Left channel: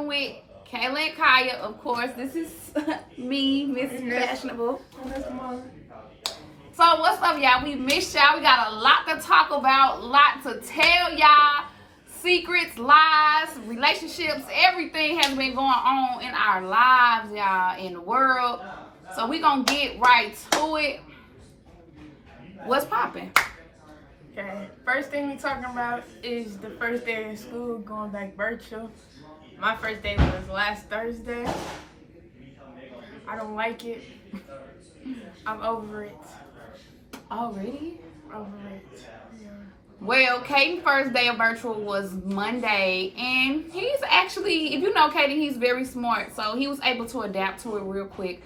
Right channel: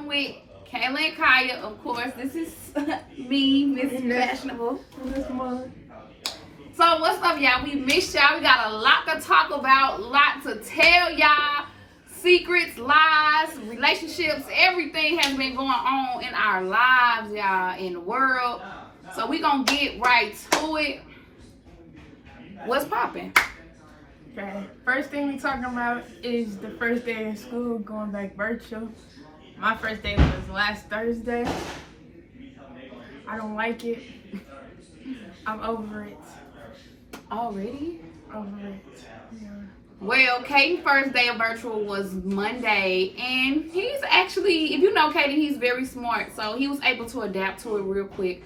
Poppin with Kayla and Kaya. Of course, this is me, Miss Fashionable. So what's up, y'all? We missed y'all. We got a lot to talk about, a lot to tell y'all. Secrets, lies, relationships, everything has been going on in our lives, y'all, in the world. So we gonna get right to it. What's poppin'? Okay, first thing we talking about is the first day of school, going back virtual. My first day was last Thursday. I don't like it. I'm over it. Already? Over it. Yeah. Well, Kaden's first day of virtual was Monday, and he's actually, if you know Kaden, he's very smart, so he was able to adapt to it real quick.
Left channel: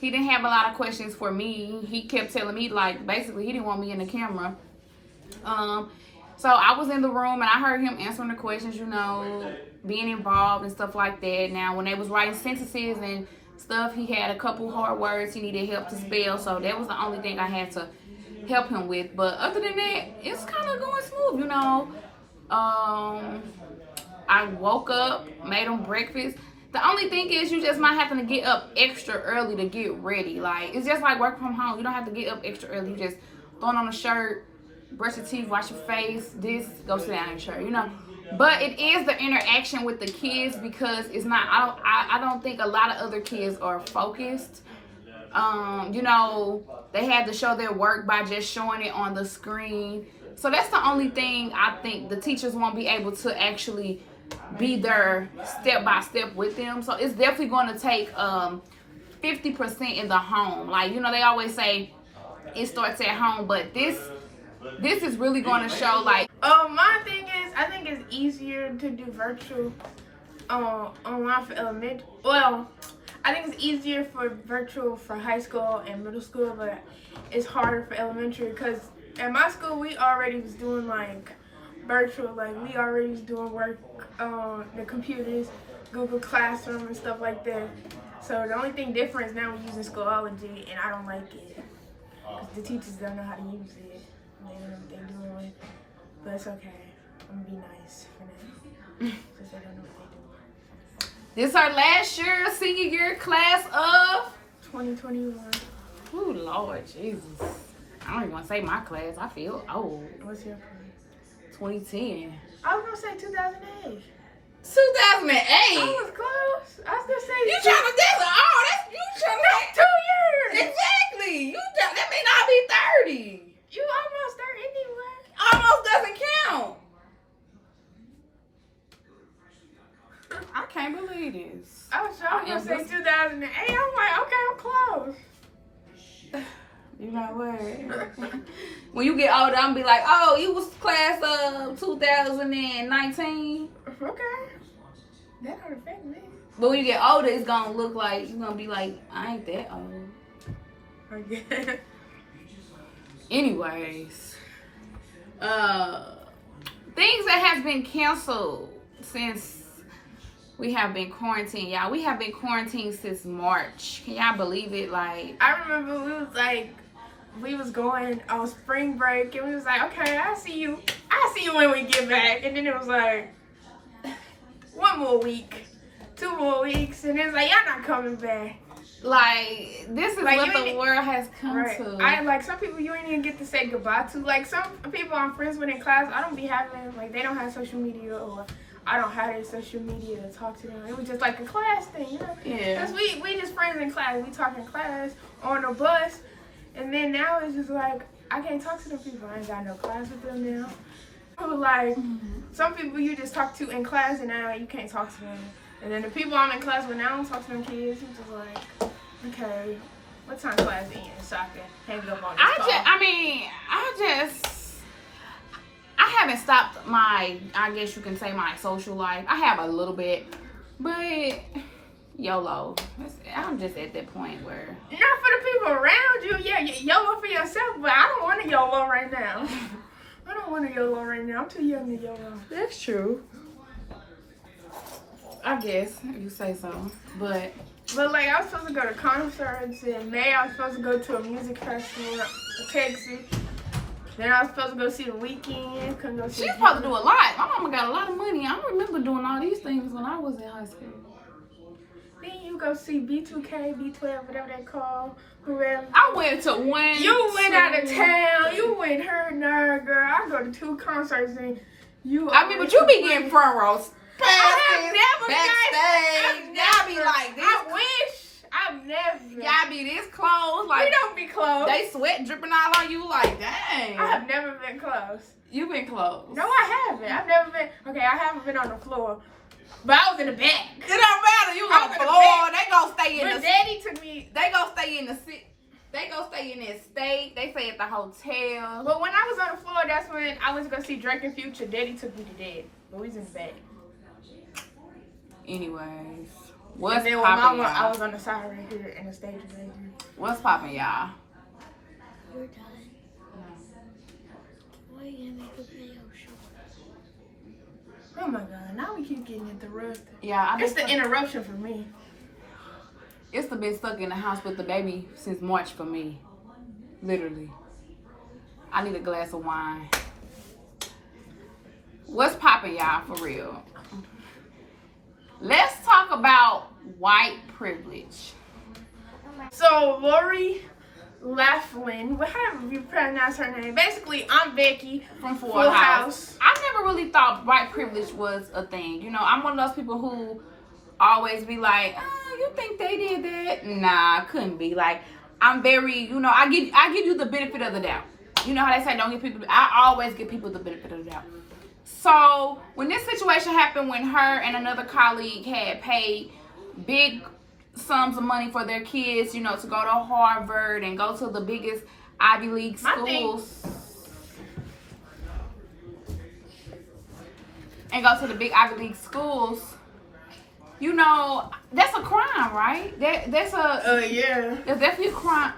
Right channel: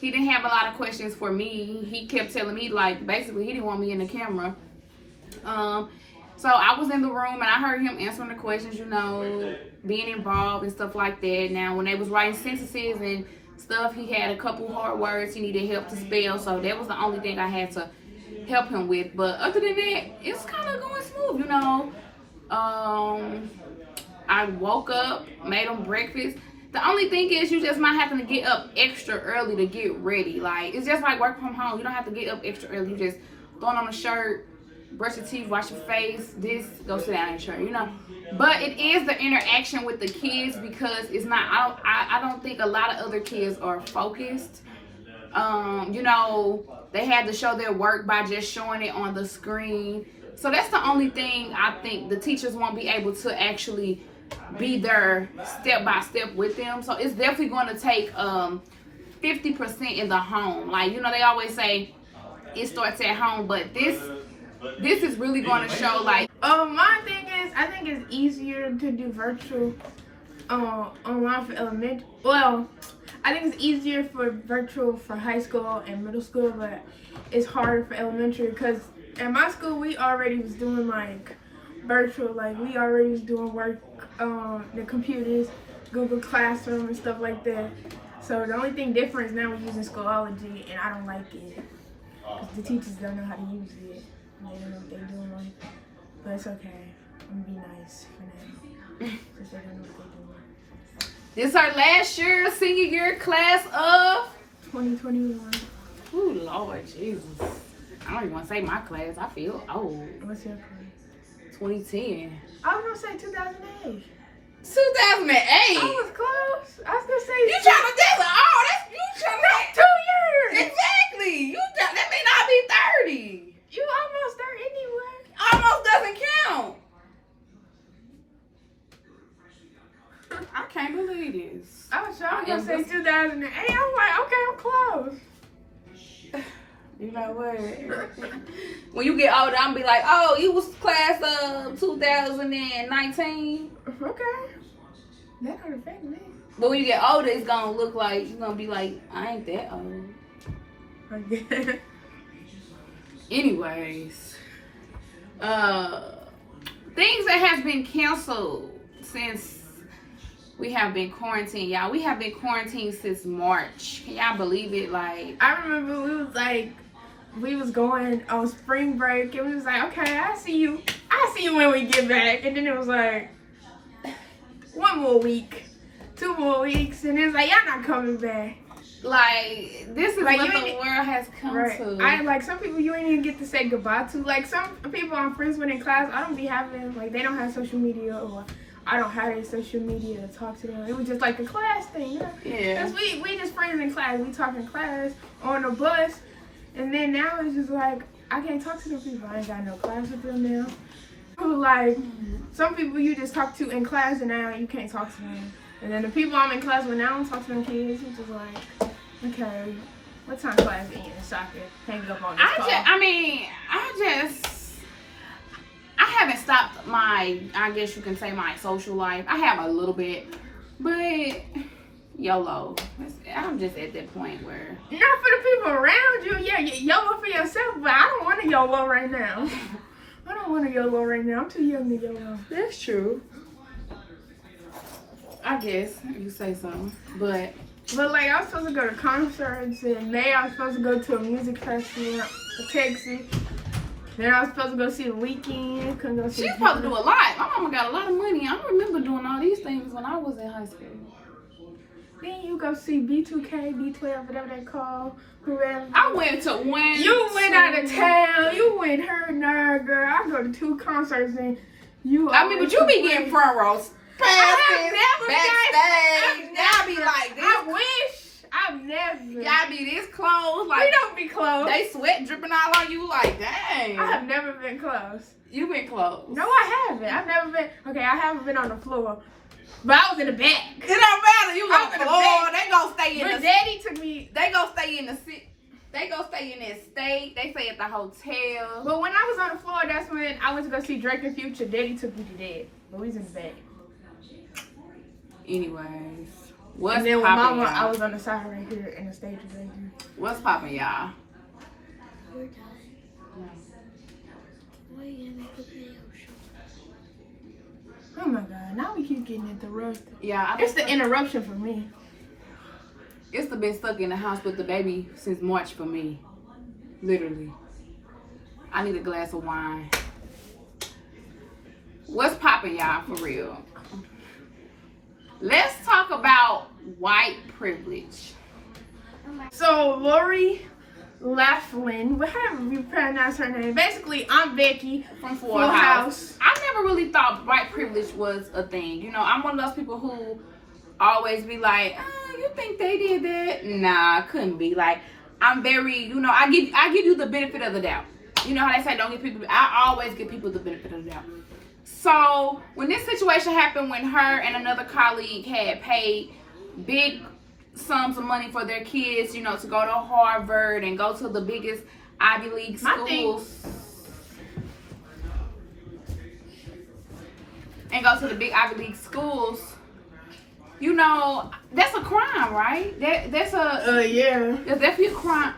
He didn't have a lot of questions for me. He kept telling me, like, basically, he didn't want me in the camera. So I was in the room, and I heard him answering the questions, you know, being involved and stuff like that. Now, when they was writing sentences and stuff, he had a couple hard words he needed help to spell, so that was the only thing I had to help him with. But other than that, it's kind of going smooth, you know. I woke up, made him breakfast. The only thing is you just might have to get up extra early to get ready. Like, it's just like working from home. You don't have to get up extra early. You just throw on a shirt, brush your teeth, wash your face, go sit down in your shirt, you know. But it is the interaction with the kids, because it's not, I don't think a lot of other kids are focused. You know, they had to show their work by just showing it on the screen. So that's the only thing I think the teachers won't be able to actually be there step by step with them. So it's definitely going to take 50% in the home. Like, you know, they always say it starts at home, but this is really going to show, like, my thing is, I think it's easier to do virtual online for elementary. Well, I think it's easier for virtual for high school and middle school, but it's harder for elementary, because at my school we already was doing like virtual, like we already was doing work on the computers, Google Classroom and stuff like that. So the only thing different is now we're using Schoology, and I don't like it because the teachers don't know how to use it. They don't know what they're doing, but it's okay. I'm gonna be nice for now because they don't know what they're doing. This our last year, senior year class of 2021. Oh, Lord Jesus. I don't even want to say my class. I feel old. What's your class? 2010. I was gonna say 2008. 2008? I was close. I was gonna say You trying to that's you trying to that's 2 years. Exactly. That may not be 30. You almost there anyway. Almost doesn't count. I can't believe this. I was gonna say 2008. I'm like, okay, I'm close. You know what? When you get older, I'm gonna be like, oh, you was class of 2019. Okay. That don't affect me. But when you get older, it's gonna look like, you're gonna be like, I ain't that old. Okay. Anyways, things that has been canceled since we have been quarantined, y'all. We have been quarantined since March. Can y'all believe it? Like, I remember we was going on spring break, and we was like, okay, I'll see you when we get back. And then it was like 1 more week, 2 more weeks, and it's like, y'all not coming back. Like, this is like what the world has come to. I like some people you ain't even get to say goodbye to. Like some people I'm friends with in class, I don't be having, like, they don't have social media, or I don't have any social media to talk to them. It was just like a class thing, you know? Yeah. Because we just friends in class. We talk in class, on the bus. And then now it's just like, I can't talk to them people. I ain't got no class with them now. Like, some people you just talk to in class, and now you can't talk to them. And then the people I'm in class with now, I don't talk to them kids. It's just like, okay, what time class ends so I can hang up on this call? I haven't stopped my, I guess you can say, my social life. I have a little bit, but YOLO. I'm just at that point where. Not for the people around you, yeah, YOLO for yourself, but I don't want to YOLO right now. I don't want to YOLO right now. I'm too young to YOLO. That's true. I guess you say so, but like, I was supposed to go to concerts in May. I was supposed to go to a music festival in Texas. Then I was supposed to go see The Weeknd. She's supposed to do a lot. My mama got a lot of money. I don't remember doing all these things when I was in high school. Then you go see B2K, B12, whatever they call, whoever. I went to one. You went out of town. You went her and her, girl. I go to 2 concerts and you. I mean, but you be getting front rows. I've Y'all be like this. I wish. I've never. Y'all be this close. Like, we don't be close. they sweat dripping all on you. Like, dang. I have never been close. You been close. No, I haven't. I've never been. Okay, I haven't been on the floor. But I was in the back. It don't matter. You on the floor. They gonna stay in but the. Daddy took me. They gonna stay in the city. They gonna stay in that state. They stay at the hotel. But when I was on the floor, that's when I went to go see Drake and Future. Daddy took me to that. But we was in the back. Anyways, and then with Mama, I was on the side right here, and the stage was right here. What's poppin', y'all? We're done. No. Why you gonna make a video show? Oh my God! Now we keep getting interrupted. Yeah, It's the interruption for me. It's been stuck in the house with the baby since March for me. Literally. I need a glass of wine. What's poppin', y'all, for real? Let's talk about white privilege. So Lori Laughlin, however you pronounce her name. Basically, I'm Becky From Full House. I never really thought white privilege was a thing. You know, I'm one of those people who always be like, you think they did that? Nah, couldn't be. Like, I'm very, you know, I give you the benefit of the doubt. You know how they say don't give people, I always give people the benefit of the doubt. So when this situation happened, when her and another colleague had paid big sums of money for their kids, you know, to go to Harvard and go to the biggest Ivy League schools. And go to the big Ivy League schools, you know, that's a crime, right? That's definitely a crime.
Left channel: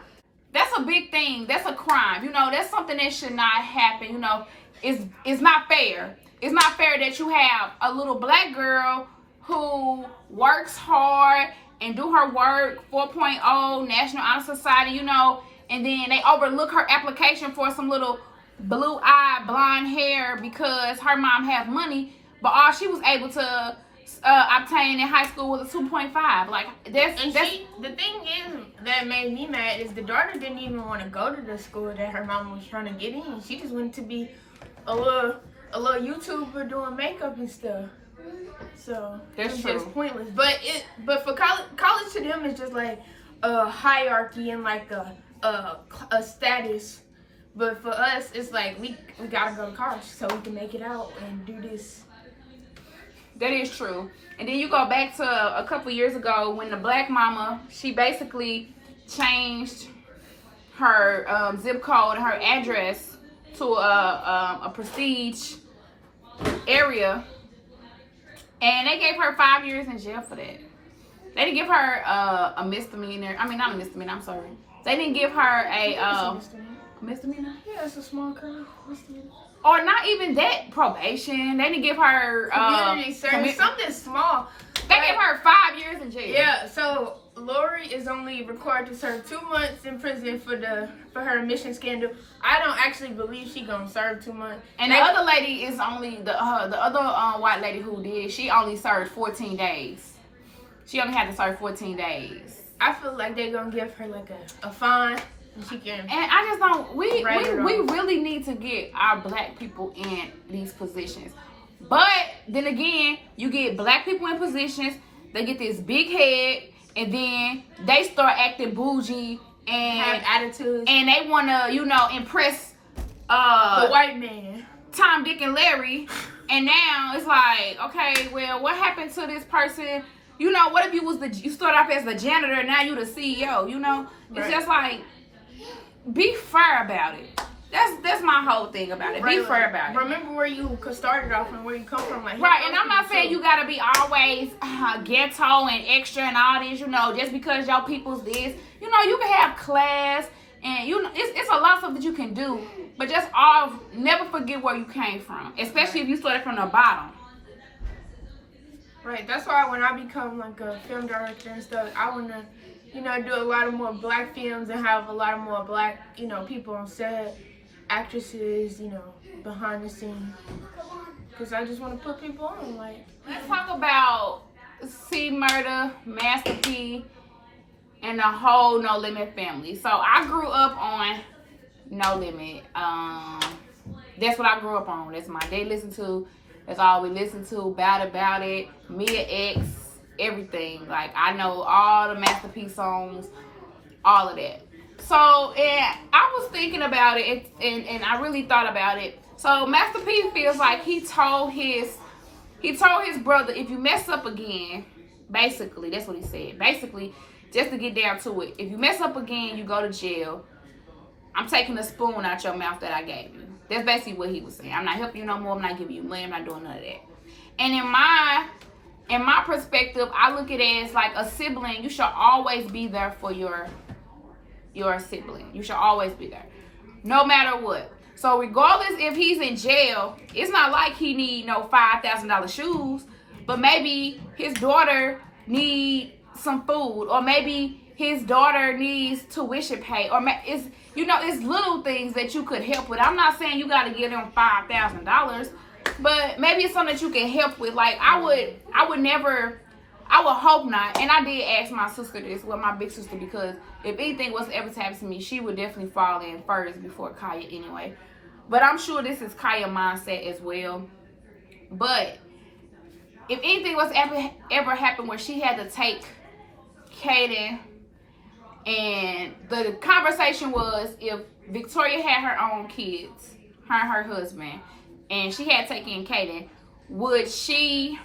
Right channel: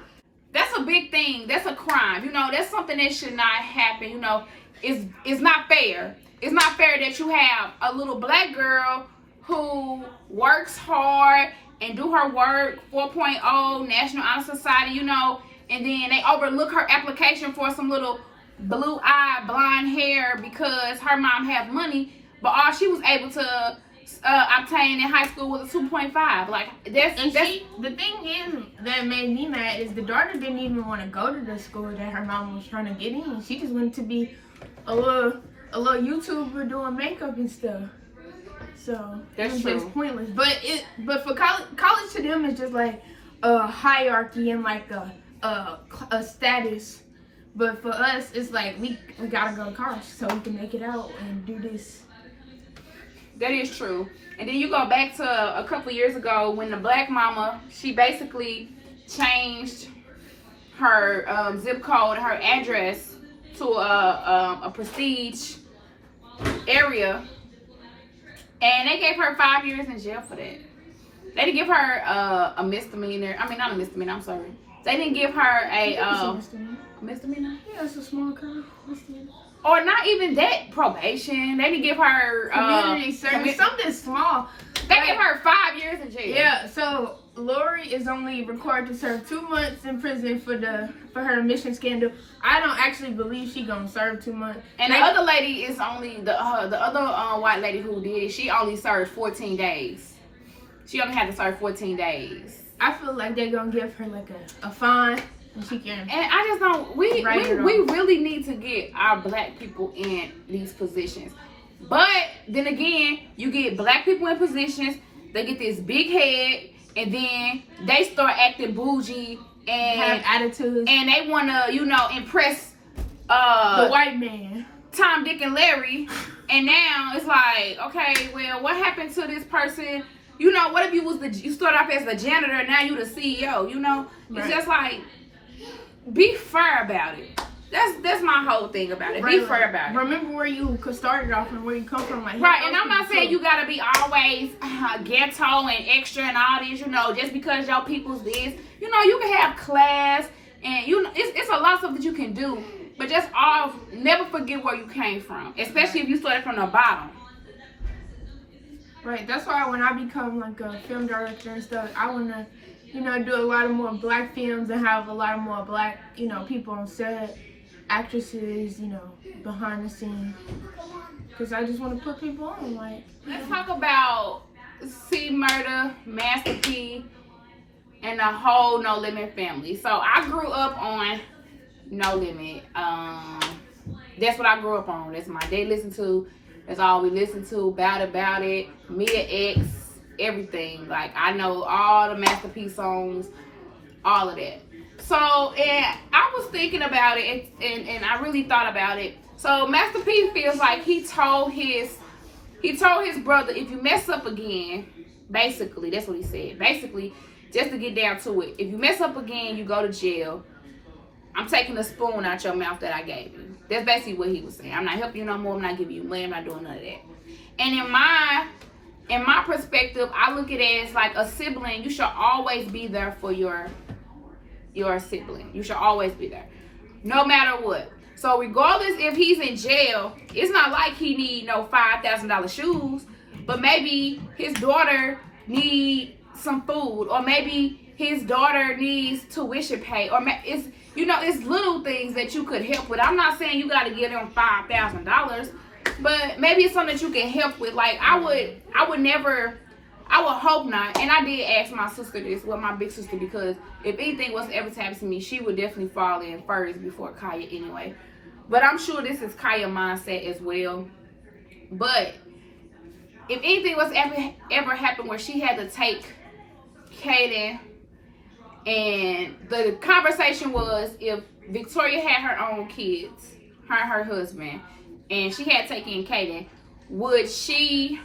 That's a big thing. That's a crime. You know, that's something that should not happen. You know, it's not fair. It's not fair that you have a little black girl who works hard and do her work, 4.0, National Honor Society, you know, and then they overlook her application for some little blue-eyed, blonde hair because her mom has money, but all she was able to obtain in high school was a 2.5. Like, the thing is that made me mad is the daughter didn't even want to go to the school that her mom was trying to get in. She just wanted to be a little YouTuber doing makeup and stuff. So it's just pointless. But for college to them is just like a hierarchy and like a status. But for us, it's like we gotta go to college so we can make it out and do this. That is true. And then you go back to a couple years ago when the black mama, she basically changed her zip code and her address to a prestige area, and they gave her 5 years in jail for that. They didn't give her a misdemeanor. I mean, not a misdemeanor. I'm sorry. They didn't give her a misdemeanor. Yeah, it's a small crime. Misdemeanor. Or not even that, probation. They didn't give her community service, something small. They gave her 5 years in jail. Yeah, so Lori is only required to serve 2 months in prison for her admission scandal. I don't actually believe she gonna serve 2 months. And the other lady is only the other white lady who did it. She only served 14 days. She only had to serve 14 days. I feel like they're gonna give her like a fine. And she can. And I just don't. We really need to get our black people in these positions. But then again, you get black people in positions, they get this big head, and then they start acting bougie and have attitudes, and they wanna, you know, impress the white man, Tom, Dick, and Larry. And now it's like, okay, well, what happened to this person? You know, what if you started off as the janitor, now you the CEO? You know, it's just like. Be fair about it. That's my whole thing about it. Be fair about it. Remember where you started off and where you come from. Like, right, and I'm not saying you gotta be always ghetto and extra and all this. You know, just because your people's this. You know, you can have class and you know it's a lot of stuff that you can do. But just never forget where you came from, especially if you started from the bottom. Right. That's why when I become like a film director and stuff, I wanna. You know, do a lot of more black films and have a lot of more black, you know, people on set, actresses, you know, behind the scenes. Because I just want to put people on, like. Let's talk about C Murder, Master P, and the whole No Limit family. So I grew up on No Limit. That's what I grew up on. That's my they listen to. That's all we listen to. About it. Mia X, everything. Like I know all the Master P songs, all of that. So and I was thinking about it, and I really thought about it. So Master P feels like he told his brother, if you mess up again, basically that's what he said. Basically, just to get down to it, if you mess up again, you go to jail. I'm taking the spoon out your mouth that I gave you. That's basically what he was saying. I'm not helping you no more. I'm not giving you money. I'm not doing none of that. And in my perspective, I look at it as like a sibling. You should always be there for your sibling. You should always be there, no matter what. So regardless if he's in jail, it's not like he need no $5,000 shoes, but maybe his daughter need some food, or maybe his daughter needs tuition pay, or it's little things that you could help with. I'm not saying you got to give them $5,000, but maybe it's something that you can help with. Like I would hope not. And I did ask my sister this, my big sister, because if anything was ever to happen to me, she would definitely fall in first before Kaya anyway. But I'm sure this is Kaya's mindset as well. But if anything was ever happen where she had to take Kaden, and the conversation was if Victoria had her own kids, her and her husband, and she had taken Kaden, would she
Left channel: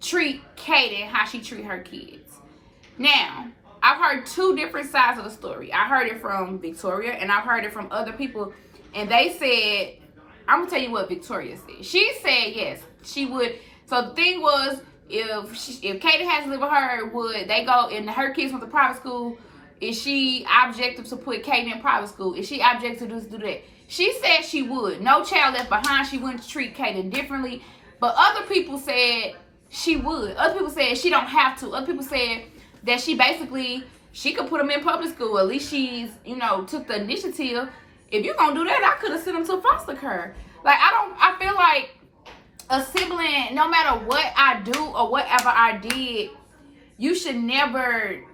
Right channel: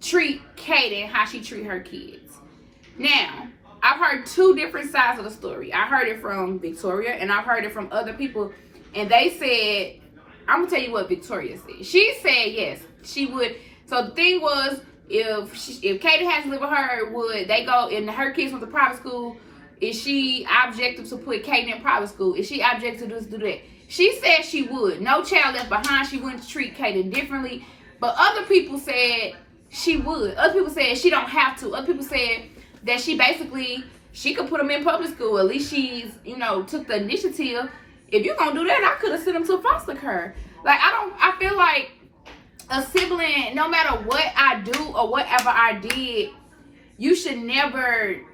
treat Kaden how she treat her kids? Now, I've heard two different sides of the story. I heard it from Victoria, and I've heard it from other people, and they said, I'm gonna tell you what Victoria said. She said yes, she would. So the thing was, if Kaden has to live with her, would they go, and her kids went to private school, is she objective to put Kaden in private school? Is she objective to do that? She said she would. No child left behind. She wouldn't treat Kaden differently. But other people said she would. Other people said she don't have to. Other people said that she could put them in public school. At least she's, took the initiative. If you're going to do that, I could have sent them to foster care. Like, I feel like a sibling, no matter what I do or whatever I did, you should never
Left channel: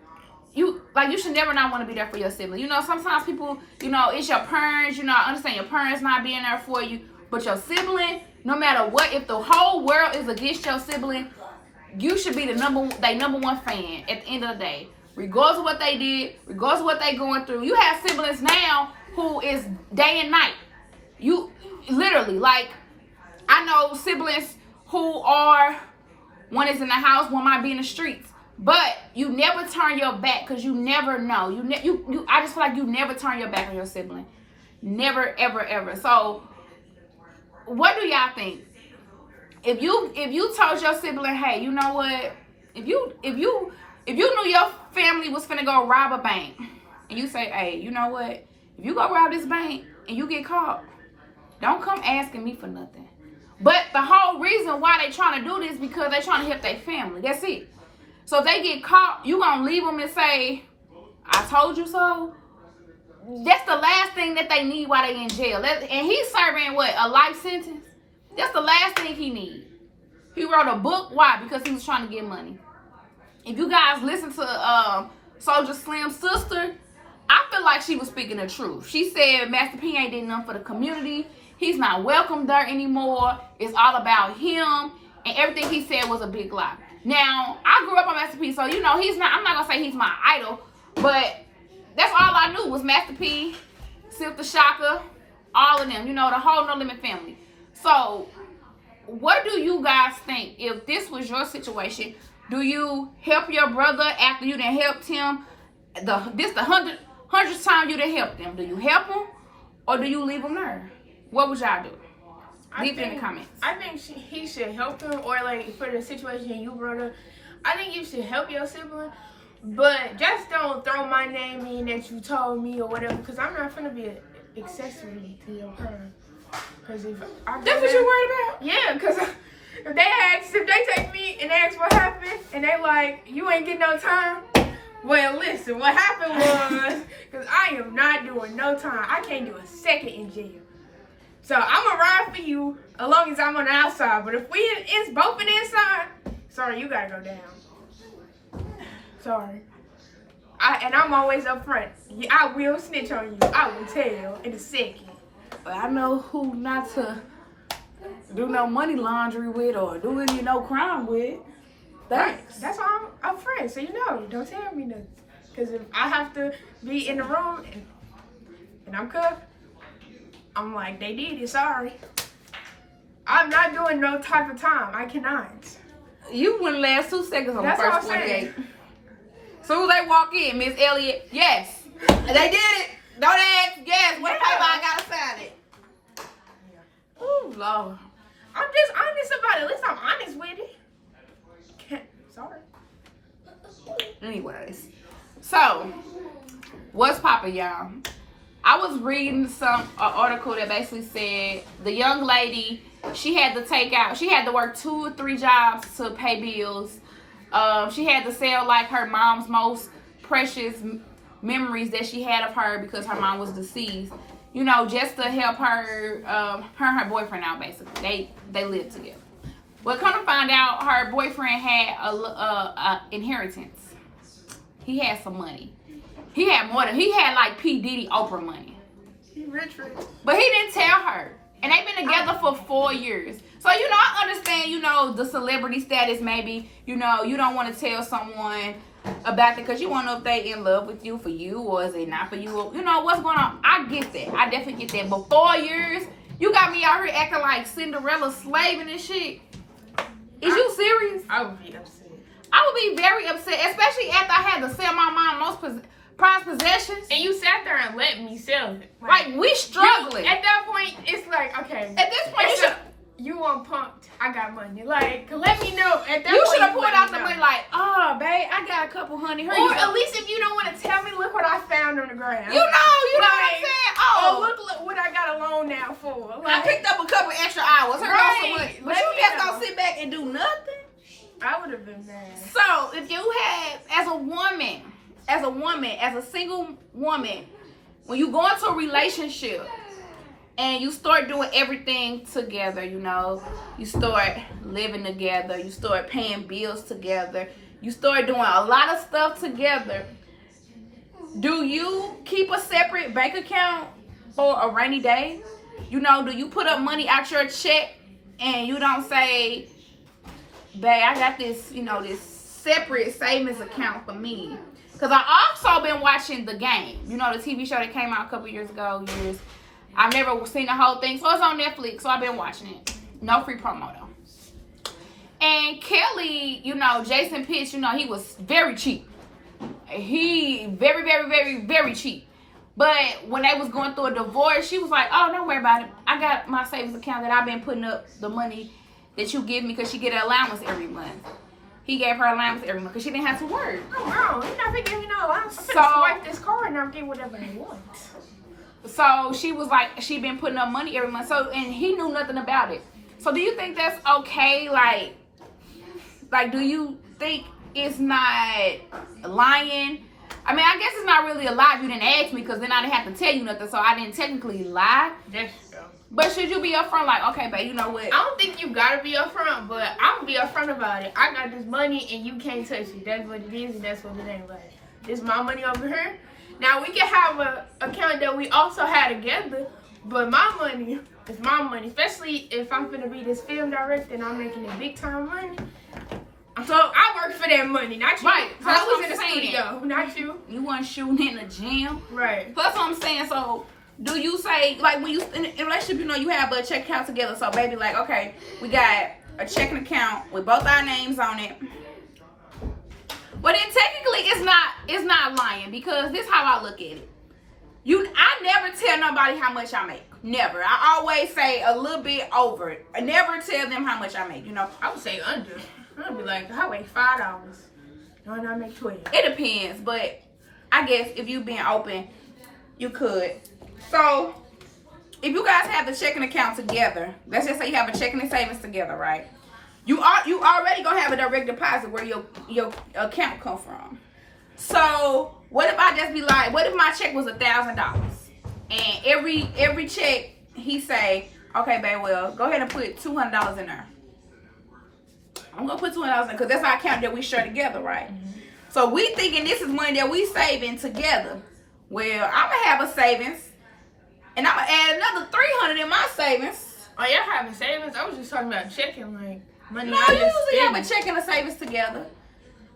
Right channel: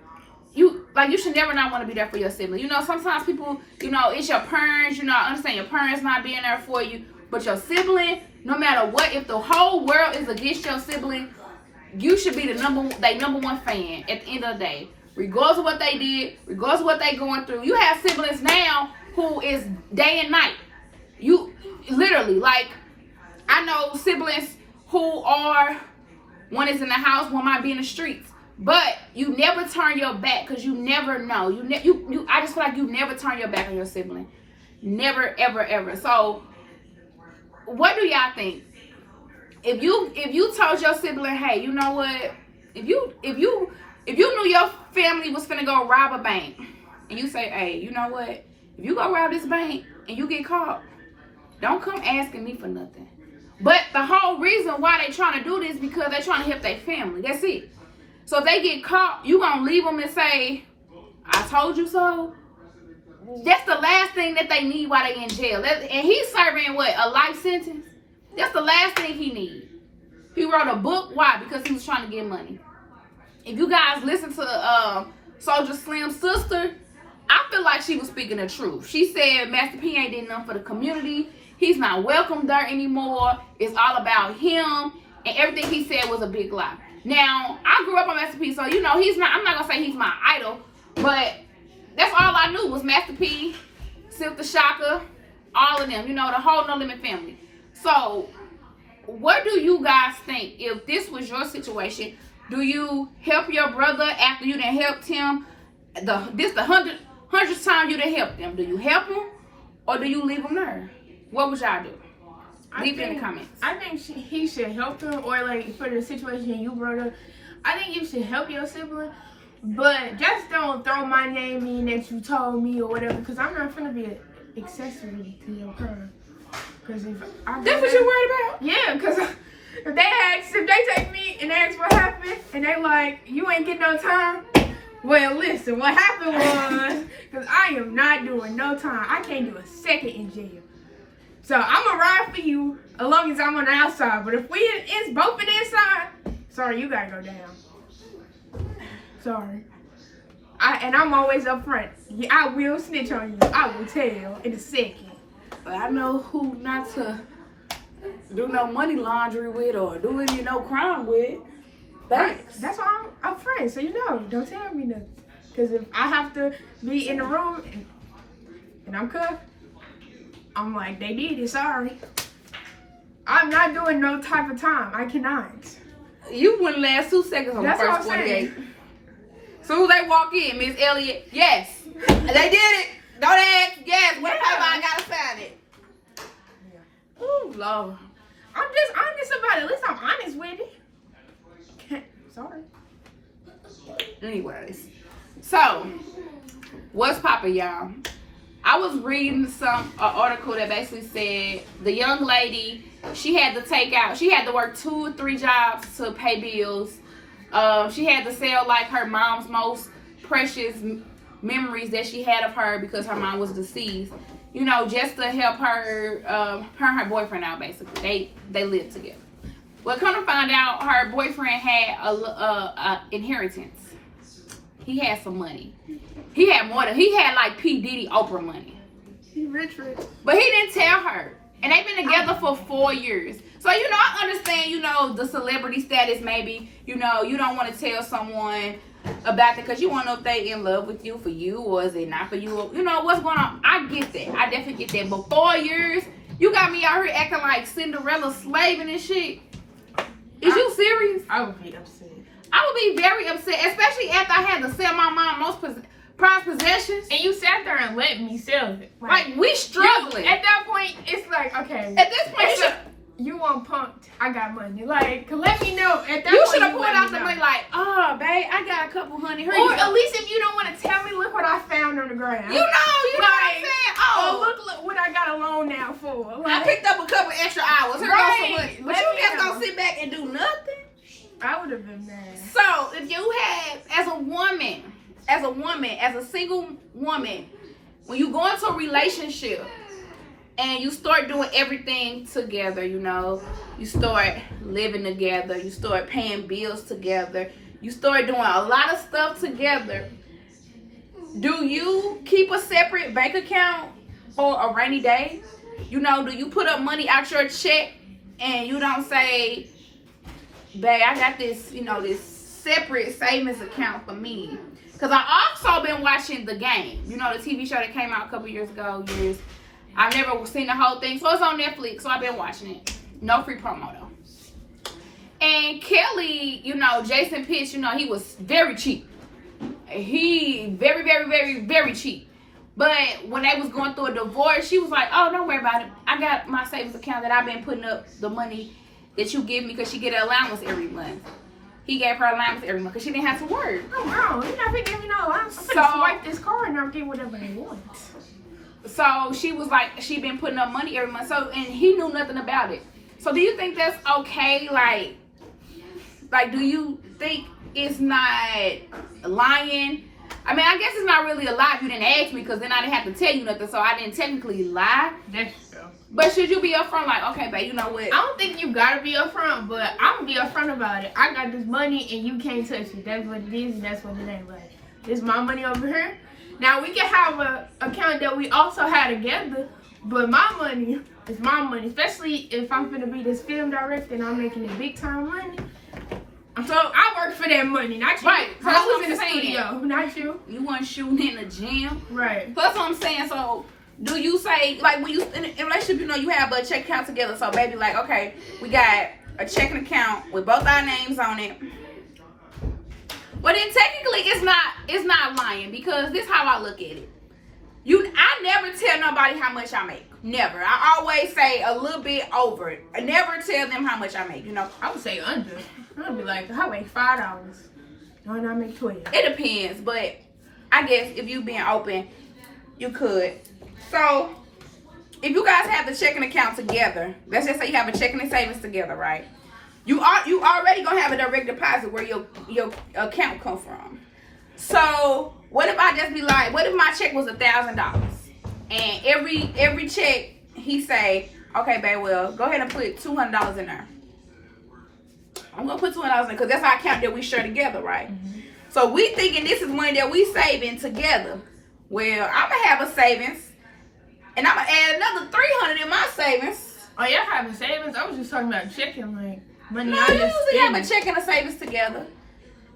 not want to be there for your sibling. Sometimes people, it's your parents, I understand your parents not being there for you, but your sibling, no matter what, if the whole world is against your sibling, you should be the number one fan at the end of the day. Regardless of what they did, regardless of what they going through. You have siblings now who is day and night. You literally, like, I know siblings who are, one is in the house, one might be in the streets. But you never turn your back, because you never know. I just feel like you never turn your back on your sibling. Never, ever, ever. So, what do y'all think? If you told your sibling, hey, you know what? If you knew your family was finna go rob a bank, and you say, hey, you know what? If you go rob this bank and you get caught, don't come asking me for nothing. But the whole reason why they trying to do this because they trying to help their family. That's it. So if they get caught, you gonna leave them and say, I told you so? That's the last thing that they need while they in jail. And he's serving, what, a life sentence? That's the last thing he needs. He wrote a book. Why? Because he was trying to get money. If you guys listen to Soldier Slim's sister, I feel like she was speaking the truth. She said Master P ain't did nothing for the community. He's not welcome there anymore. It's all about him. And everything he said was a big lie. Now, I grew up on Master P, so, I'm not going to say he's my idol, but that's all I knew was Master P, Silk the Shocker, all of them, the whole No Limit family. So, what do you guys think? If this was your situation, do you help your brother after you done helped him? This the hundredth time you done helped him. Do you help him, or do you leave him there? What would y'all do? Leave it in the comments. I think he should help him, or like for the situation you brought up, I think you should help your sibling, but just don't throw my name in that you told me or whatever, because I'm not finna be an accessory to your crime. Because if I that's what you're worried about? Yeah, because if they take me and ask what happened, and they like, you ain't getting no time. Well, listen, what happened was, because I am not doing no time. I can't do a second in jail. So I'm gonna ride for you as long as I'm on the outside. But if it's both on the inside, so sorry, you gotta go down. Sorry. I'm always up front. Yeah, I will snitch on you. I will tell in a second. But I know who not to do no money laundry with or do any no crime with. Right. Thanks. That's why I'm upfront, so you know. Don't tell me nothing. Because if I have to be in the room and I'm cuffed, I'm like, they did it, sorry. I'm not doing no type of time. I cannot. You wouldn't last 2 seconds on That's the what first I'm 48. Soon as they walk in, Miss Elliott, yes. They did it. Don't ask, yes. What paper I gotta sign it? Oh, Lord. I'm just honest about it. At least I'm honest with it. Sorry. Anyways, so what's poppin', y'all? I was reading an article that basically said the young lady, she had to work 2 or 3 jobs to pay bills. She had to sell like her mom's most precious memories that she had of her because her mom was deceased. You know, just to help her, her and her boyfriend out. Basically, they lived together. Well, come to find out, her boyfriend had a inheritance. He had some money. He had like P. Diddy, Oprah money. He rich. But he didn't tell her. And they've been together for 4 years. So, you know, I understand, you know, the celebrity status maybe. You know, you don't want to tell someone about it because you want to know if they in love with you for you or is it not for you. You know, what's going on. I get that. I definitely get that. But 4 years, you got me out here acting like Cinderella slaving and shit. Is you serious? I would be upset. I would be very upset, especially after I had to sell my mom most prized possessions. And you sat there and let me sell it. Like we struggling. At that point, it's like, okay. At this point, you want punked. I got money. Like, let me know. At that you point, should have pulled let out me the know. money like, oh, babe, I got a couple $100. Here Or you go. at least if you don't want to tell me, look what I found on the ground. You know what I'm saying? Oh, look what I got a loan now for. I Like, picked up a couple extra hours. Here Right. goes some money. But Let you me just know. gonna sit back and do nothing? I would have been mad. So, if you had, as a single woman, when you go into a relationship and you start doing everything together, you know, you start living together, you start paying bills together, you start doing a lot of stuff together, do you keep a separate bank account for a rainy day? You know, do you put up money out your check and you don't say, babe, I got this, you know, this separate savings account for me? Because I also been watching The Game. You know, the TV show that came out a couple years ago. Yes. I've never seen the whole thing. So it's on Netflix, so I've been watching it. No free promo, though. And Kelly, you know, Jason Pitch, you know, he was very cheap. He very, very, very, very cheap. But when they was going through a divorce, she was like, oh, don't worry about it. I got my savings account that I've been putting up the money that you give me because she get an allowance every month. He gave her allowance every month because she didn't have to work. No, girl, you're not gonna give me no allowance. I'm So- gonna swipe this card and I'll get whatever I want. So she was like, she been putting up money every month. So, and he knew nothing about it. So do you think that's okay? Like, do you think it's not lying? I mean, I guess it's not really a lie if you didn't ask me because then I didn't have to tell you nothing. So I didn't technically lie. That's true. But should you be upfront like, okay, babe, you know what? I don't think you gotta be upfront, but I'm gonna be upfront about it. I got this money and you can't touch it. That's what it is and that's what it ain't. Like, this is my money over here. Now we can have a account that we also had together, but my money is my money. Especially if I'm gonna be this film director and I'm making it big time money. So I work for that money, not you. Right. So I was in the That's what I'm studio, not you. You weren't shooting in the gym. Right. That's what I'm saying. So do you say, like, when you in a relationship, you know, you have a check account together. So baby, like, okay, we got a checking account with both our names on it. Well, then technically it's not lying because this is how I look at it. I never tell nobody how much I make. Never. I always say a little bit over it. I never tell them how much I make, you know. I would say under. I'd be like, I make $5. No, and I make 12. It depends, but I guess if you being open, you could. So, if you guys have the checking account together, let's just say you have a checking and savings together, right? You already gonna have a direct deposit where your account come from. So, what if I just be like, what if my check was $1,000, and every check he say, okay, babe, well, go ahead and put $200 in there. I'm gonna put $20 in because that's our account that we share together, right? Mm-hmm. So we thinking this is money that we saving together. Well, I'm gonna have a savings, and I'm gonna add another $300 in my savings. Oh, y'all having savings? I was just talking about checking, like money. No, I you just usually have a spend. check and a savings together,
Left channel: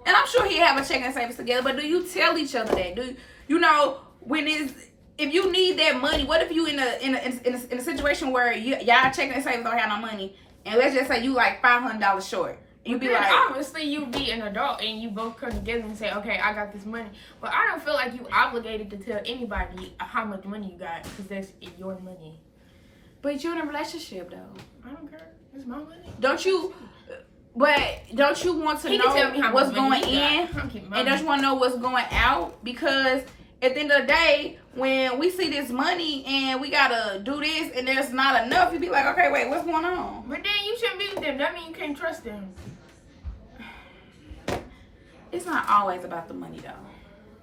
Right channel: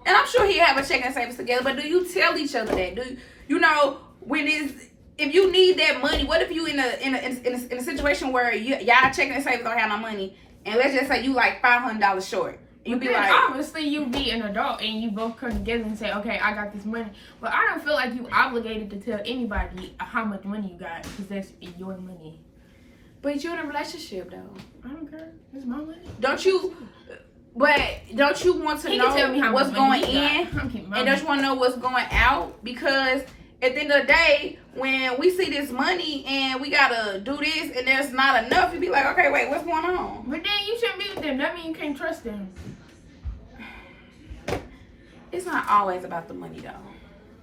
and I'm sure he have a check and a savings together. But do you tell each other that? Do you know when if you need that money? What if you in a situation where y'all checking and savings don't have no money, and let's just say you like $500 short. You be like, obviously you be an adult and you both come together and say, okay, I got this money. But I don't feel like you obligated to tell anybody how much money you got because that's your money. but you're in a relationship though. I don't care. It's my money. Don't you? But don't you want to He know can tell me how what's much going money he got. in, I'm keeping my and don't you want to know what's going out? Because at the end of the day, when we see this money and we gotta do this and there's not enough, you be like, okay, wait, what's going on? But then you shouldn't be with them. That means you can't trust them. It's not always about the money though.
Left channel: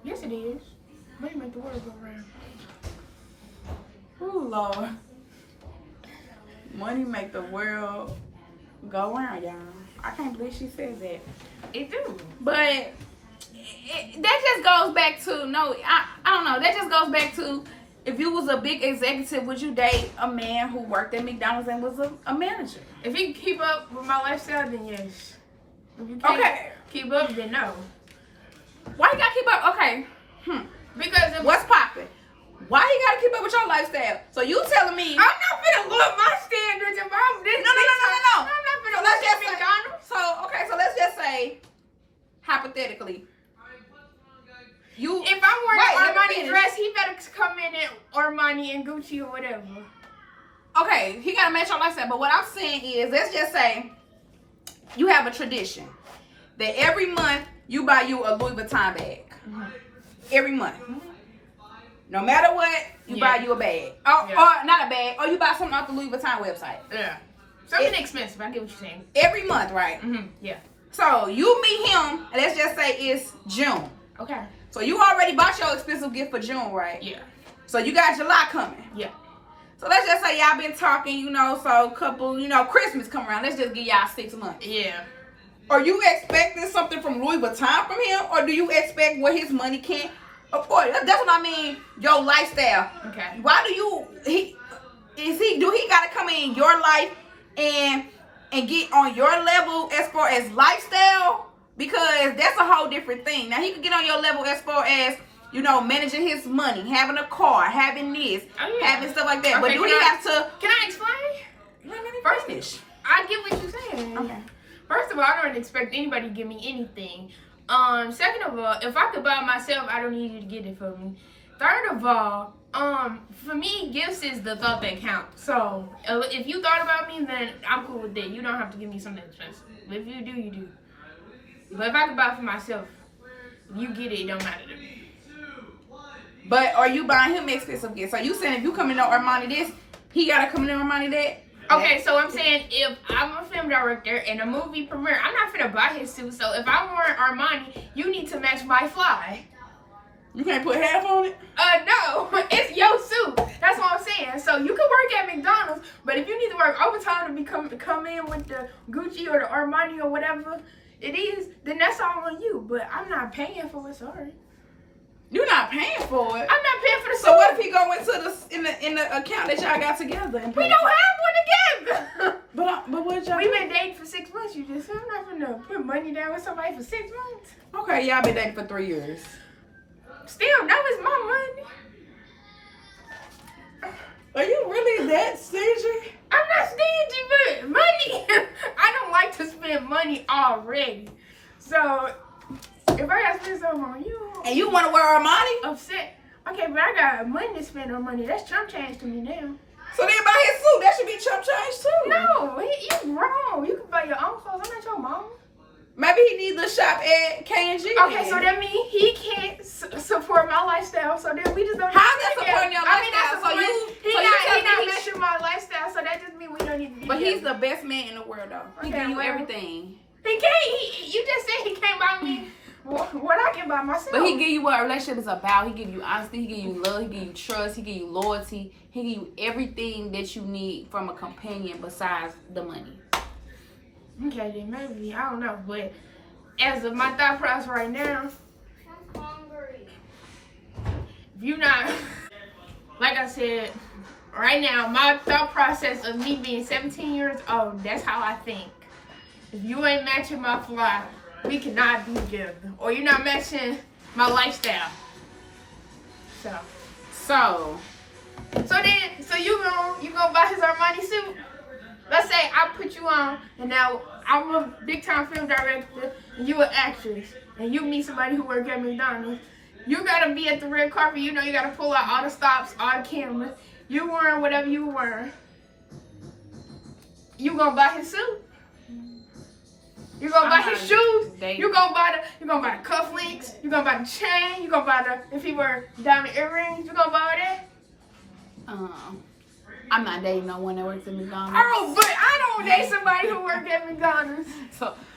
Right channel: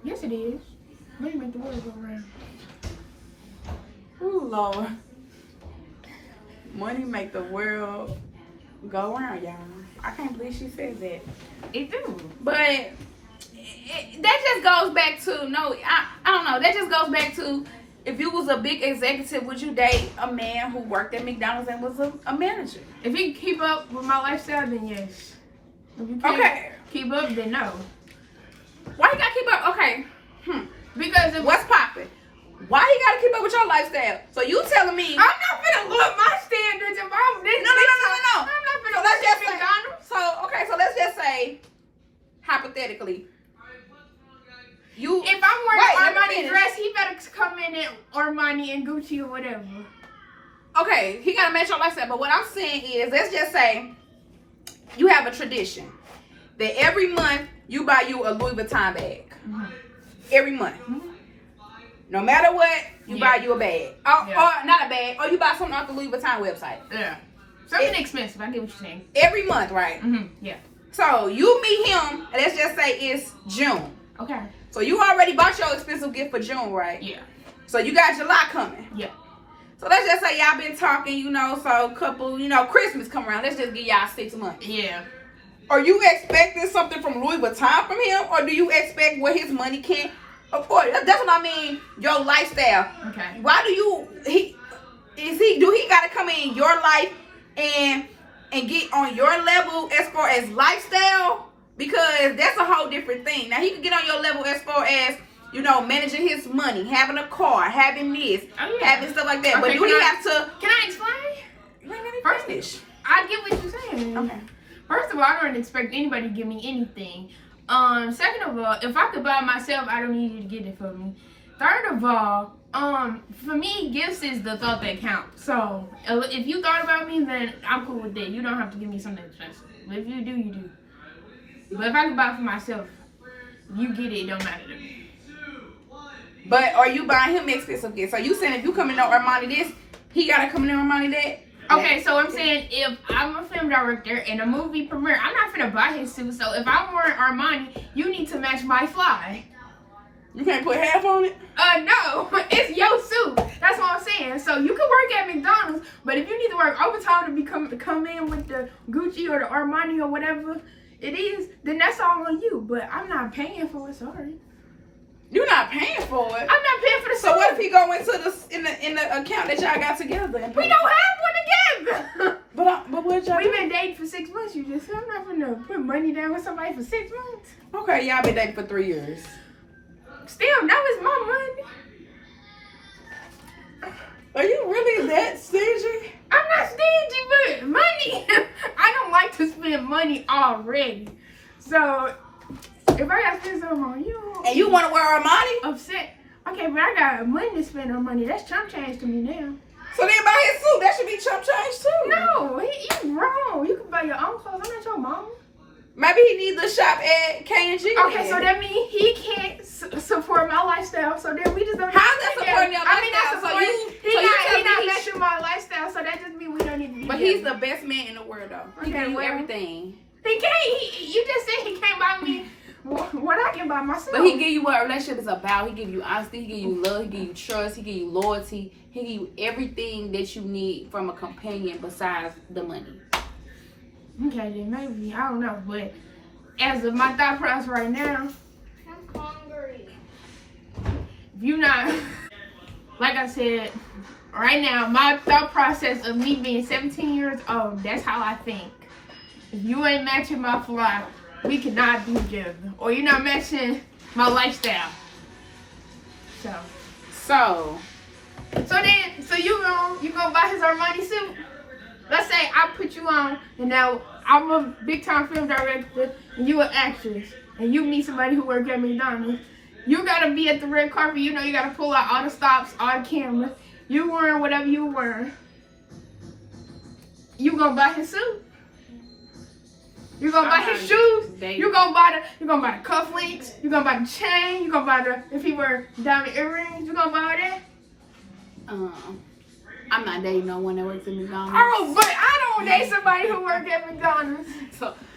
Yes, it is. Money make the world go around. Oh Lord, money make the world go around, y'all. I can't believe she said that. It do. But that just goes back to I don't know. That just goes back to if you was a big executive, would you date a man who worked at McDonald's and was a manager? If he can keep up with my lifestyle, then yes. If you can't keep up, then no. Why you gotta keep up? Okay. Because if What's popping? Why you gotta keep up with your lifestyle? So you telling me? I'm not finna look my standards if I'm this. No. I'm not finna So let's look just at say, McDonald's. so let's just say, hypothetically, If I'm wearing Right, an let me Armani finish. dress, he better come in Armani and Gucci or whatever. okay, he gotta match your lifestyle. But what I'm saying is, let's just say you have a tradition that every month you buy you a Louis Vuitton bag. Mm-hmm. Every month. Mhm. No matter what, you Yeah. buy you a bag. Or not a bag, or you buy something off the Louis Vuitton website. Yeah. Something expensive. I get what you're saying. Every month, right? Mm-hmm. Yeah. So you meet him, and let's just say it's June. Okay. So you already bought your expensive gift for June, right? Yeah. So you got July coming. Yeah. So let's just say y'all been talking, so a couple, Christmas come around. Let's just give y'all 6 months. Yeah. Are you expecting something from Louis Vuitton from him, or do you expect what his money can afford? That's what I mean. Your lifestyle. Okay. Why do he got to come in your life and get on your level as far as lifestyle? Because that's a whole different thing. Now he can get on your level as far as managing his money, having a car, having this, having stuff like that. Okay, but do he have to? Can I explain? Let me First, finish. I get what you're saying. Okay. First of all, I don't expect anybody to give me anything. Second of all, if I could buy it myself, I don't need you to get it for me. Third of all, for me, gifts is the thought that counts. So if you thought about me, then I'm cool with that. You don't have to give me something expensive. But if you do, you do. But if I could buy it for myself, if you get it, it don't matter to me. But are you buying him expensive gifts? So you saying if you come in on Armani this, he gotta come in on Armani that? Okay, so I'm saying if I'm a film director and a movie premiere, I'm not finna buy his suit. So if I'm wearing Armani, you need to match my fly. You can't put half on it? No, it's your suit. That's what I'm saying. So you can work at McDonald's, but if you need to work overtime to come in with the Gucci or the Armani or whatever it is, then that's all on you. But I'm not paying for it. Sorry. You're not paying for it. I'm not paying for the suit. So what if he go into in the account that y'all got together? And We don't have one together. But what y'all? We've been dating for 6 months. You just said I'm not gonna put money down with somebody for 6 months. Okay, y'all been dating for 3 years. Still, that was my money. Are you really that stingy? I'm not stingy, but money. I don't like to spend money already. So if I gotta spend something on you, And you want to wear Armani? upset. Okay, but I got money to spend on money. That's chump change to me now. So then buy his suit. That should be chump change too. No, you wrong. You can buy your own clothes. I'm not your mama. Maybe he needs to shop at K&G. Okay, so that means he can't support my lifestyle. So then we just don't. How's that supporting your I mean, that's lifestyle? So supporting. you He telling not me matching my lifestyle. So that just means we don't need to be. But together. he's the best man in the world, though. He Okay, give you well. everything. He can't. You just said he can't buy me what I can buy myself. But he give you what a relationship is about. He give you honesty. He give you love. He give you trust. He give you loyalty. He give you everything that you need from a companion besides the money. Okay, then maybe, I don't know. But as of my thought process right now, if you not, like I said, right now, my thought process of me being 17 years old, that's how I think. If you ain't matching my fly, we cannot be together. Or you're not matching my lifestyle. So you gonna buy his Armani suit? Let's say I put you on, and now I'm a big time film director, and you an actress, and you meet somebody who works at McDonald's. You gotta be at the red carpet. You know you gotta pull out all the stops, all the cameras. You wearing whatever you wearing. You gonna buy his suit? You gonna buy his shoes? You gonna buy the cufflinks? You gonna buy the chain? You gonna buy if he wear diamond earrings? You gonna buy that? I'm not dating no one that works at McDonald's. Oh, but I don't date somebody who works at McDonald's.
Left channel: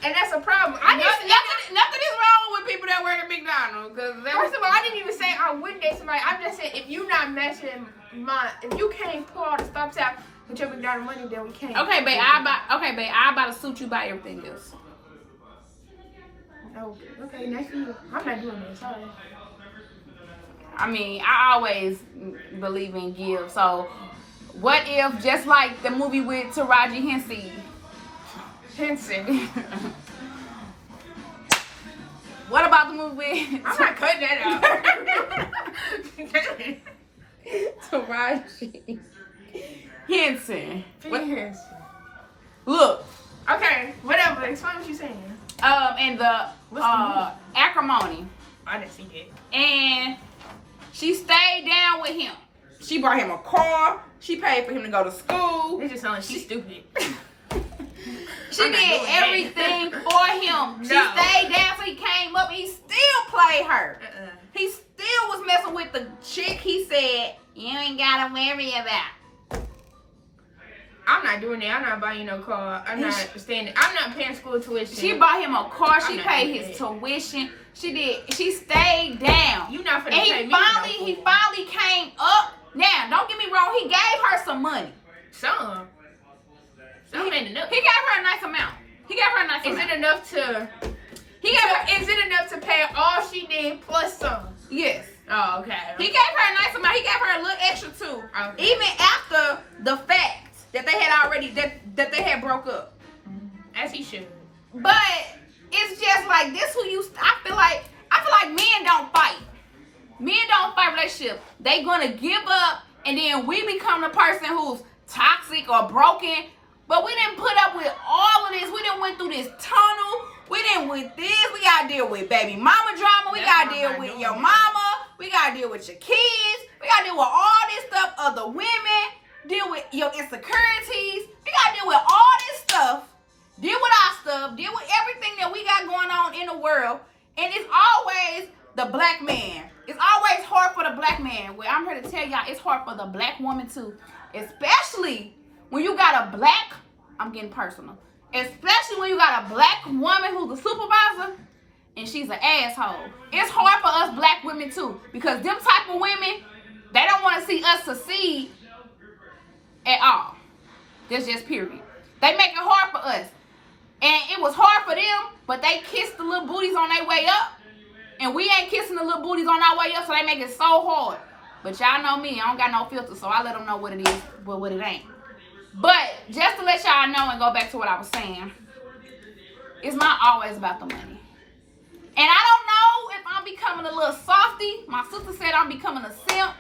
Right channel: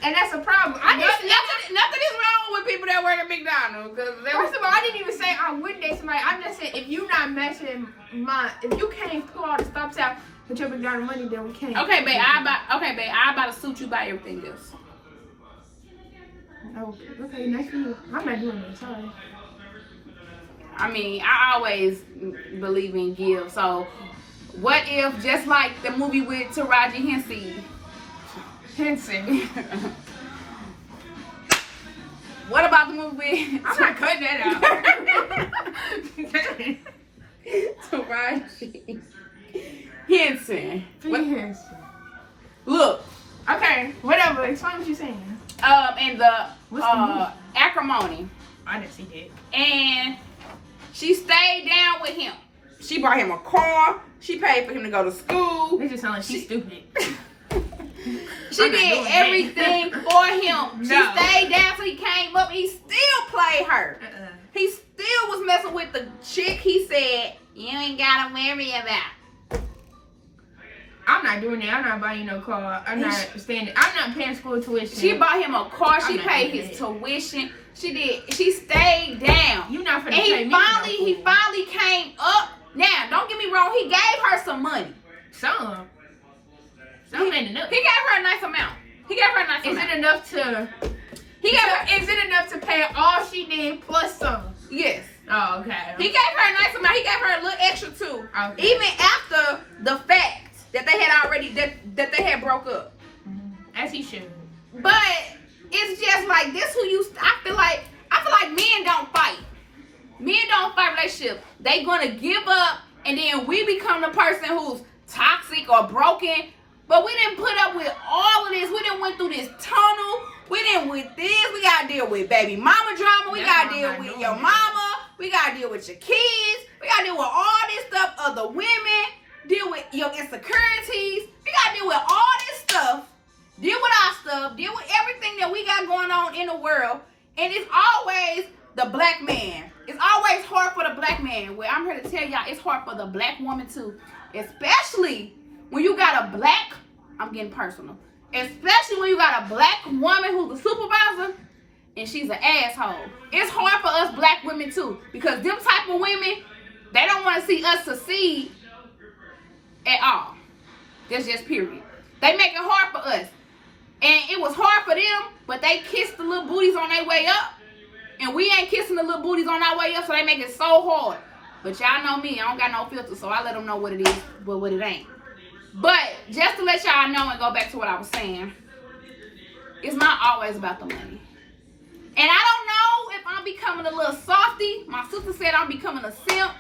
And that's a problem. Nothing is wrong with people that work at McDonald's. First of all, I didn't even say I wouldn't date somebody. I'm just saying if you not matching if you can't pull all the stops out with your McDonald's money, then we can't. Okay, babe, I buy the suit, you buy everything else. Okay, nice for you. I'm not doing this. Sorry. I mean, I always believe in give. So, what if, just like the movie with Taraji Henson? What about the movie with... I'm not cutting that out. Taraji Henson. Henson. Look. Okay, whatever. Explain what you're saying. And the acrimony. I didn't see that. And she stayed down with him. She bought him a car. She paid for him to go to school. It just sounds like she's stupid. She did everything for him. She stayed down till he came up. He still played her. He still was messing with the chick he said, you ain't gotta worry about. I'm not doing that. I'm not buying you no car. I'm not paying school tuition. She bought him a car. She paid his tuition. She did. She stayed down. You not finna pay me. He finally came up. Now, don't get me wrong. He gave her some money. Some ain't enough. He gave her a nice amount. Is it enough to? Is it enough to pay all she did plus some? Yes. Oh, okay. He gave her a nice amount. He gave her a little extra too. Okay. Even after the fact that they had already that they had broke up. As he should. But it's just like this. I feel like men don't fight. Men don't fight relationships. They gonna give up, and then we become the person who's toxic or broken. But we didn't put up with all of this. We didn't went through this tunnel. We didn't with this. We gotta deal with baby mama drama. We gotta deal with your mama. We gotta deal with your kids. We gotta deal with all this stuff. Other women. Deal with your insecurities. We gotta deal with all this stuff. Deal with our stuff. Deal with everything that we got going on in the world. And it's always the black man. It's always hard for the black man. Well, I'm here to tell y'all it's hard for the black woman too. Especially when you got a black, I'm getting personal. Especially when you got a black woman who's a supervisor and she's an asshole. It's hard for us black women too. Because them type of women, they don't want to see us succeed at all. That's just period. They make it hard for us. And it was hard for them, but they kissed the little booties on their way up. And we ain't kissing the little booties on our way up, so they make it so hard. But y'all know me, I don't got no filter, so I let them know what it is, but what it ain't. But just to let y'all know and go back to what I was saying, it's not always about the money. And I don't know if I'm becoming a little softy. My sister said I'm becoming a simp.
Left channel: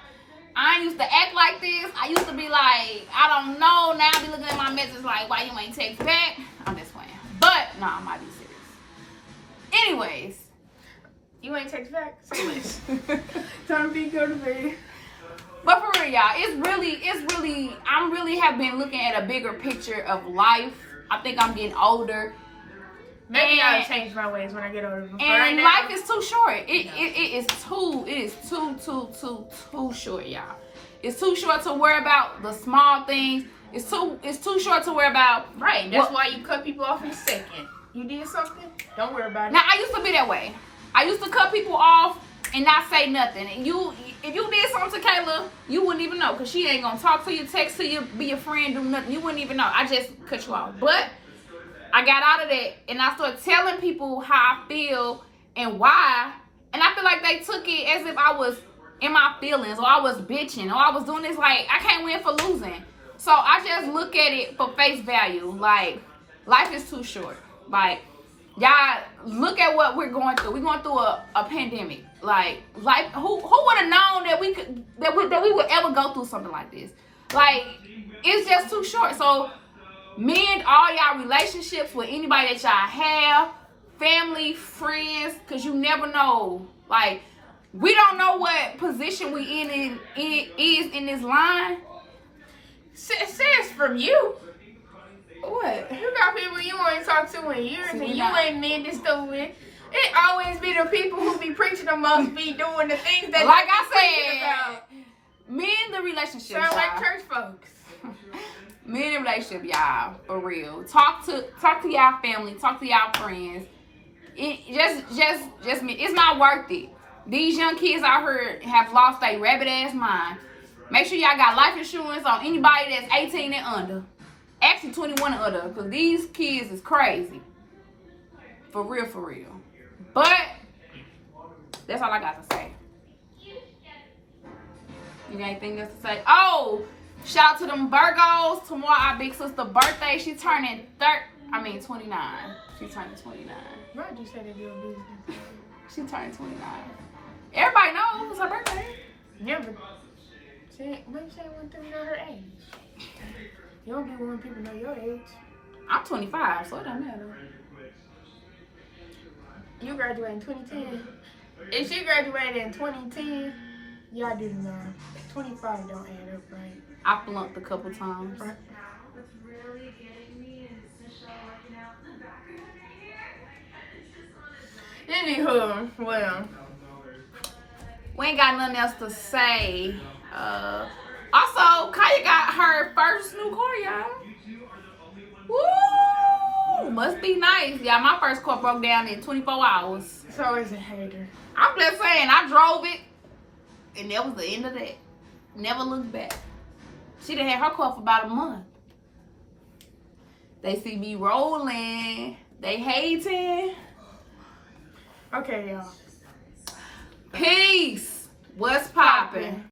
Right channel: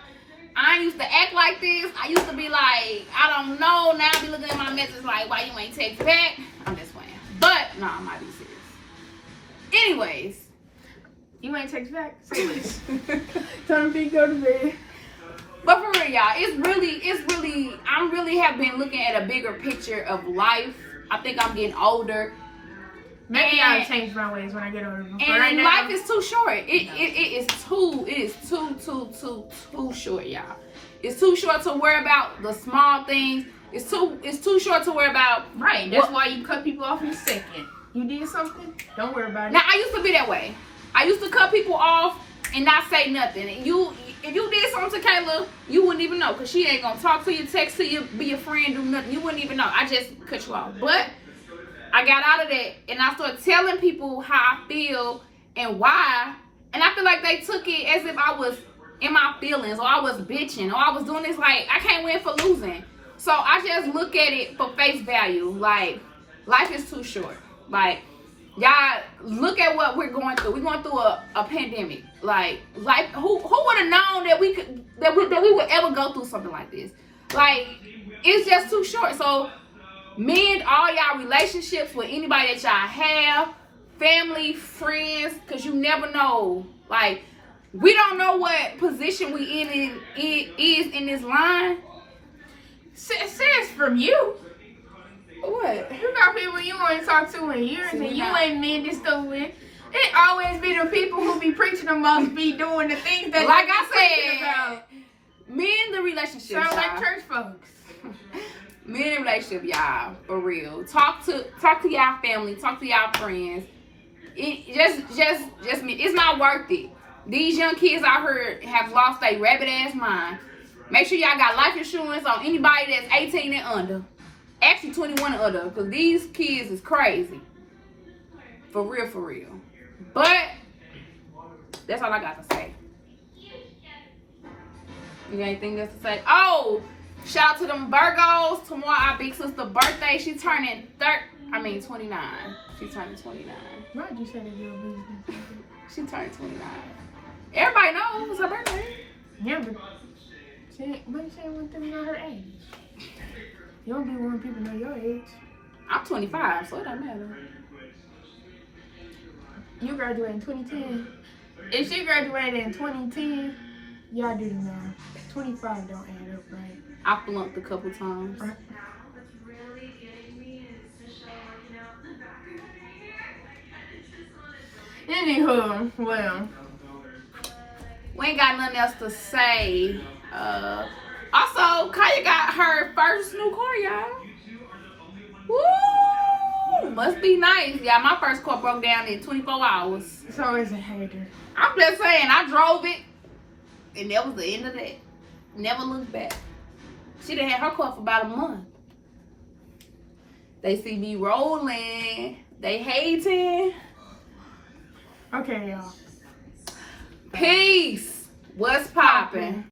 I used to act like this. I used to be like, I don't know. Now I be looking at my messages like, why you ain't text back? I'm just playing. But, no, I might be serious. Anyways. You ain't text back? Time to go to bed. But for real, y'all, it's really, I really have been looking at a bigger picture of life. I think I'm getting older. Maybe I'll change my ways when I get older. But and right now, life is too short. It is too short, y'all. It's too short to worry about the small things. It's too short to worry about. Right. That's why you cut people off in a second. You did something? Don't worry about it. Now I used to be that way. I used to cut people off and not say nothing. And if you did something to Kayla, you wouldn't even know, because she ain't gonna talk to you, text to you, be your friend, do nothing. You wouldn't even know. I just cut you off. But I got out of that and I started telling people how I feel and why. And I feel like they took it as if I was in my feelings or I was bitching or I was doing this like I can't win for losing. So I just look at it for face value. Like, life is too short. Like, y'all look at what we're going through. We're going through a pandemic. Like who would have known that we would ever go through something like this? Like, it's just too short. So mend all y'all relationships with anybody that y'all have, family, friends, because you never know. Like, we don't know what position we is in this line. Says from you. What? You got people you ain't talked to in years and you ain't mending stuff with. It always be the people who be preaching the most be doing the things that like they I be preaching said, about. mend the relationship. Sound like y'all. church folks. Men in relationship, y'all, for real. Talk to y'all family, talk to y'all friends. It just me. It's not worth it. These young kids out here have lost their rabbit ass mind. Make sure y'all got life insurance on anybody that's 18 and under. Actually 21 and under, because these kids is crazy. For real. But that's all I got to say. You got anything else to say? Oh! Shout out to them Virgos. Tomorrow our big sister birthday. She's turning 29. She's turning 29. Why'd you say that you're a business? She turned 29. Everybody knows it's her birthday. Yeah, but why you saying one thing not her age? You don't be wanting people to know your age. I'm 25, so it doesn't matter. You graduated in 2010. If she graduated in 2010, y'all do the math. 25 don't add up, right? I flunked a couple times. Right. Anywho, well, We ain't got nothing else to say. Also, Kaya got her first new car, y'all. Woo! Must be nice. Yeah, my first car broke down in 24 hours. it's always a hater. I'm just saying, I drove it, and that was the end of that. Never looked back. She done had her car for about a month. They see me rolling. They hating. Okay, y'all. Peace. What's poppin'?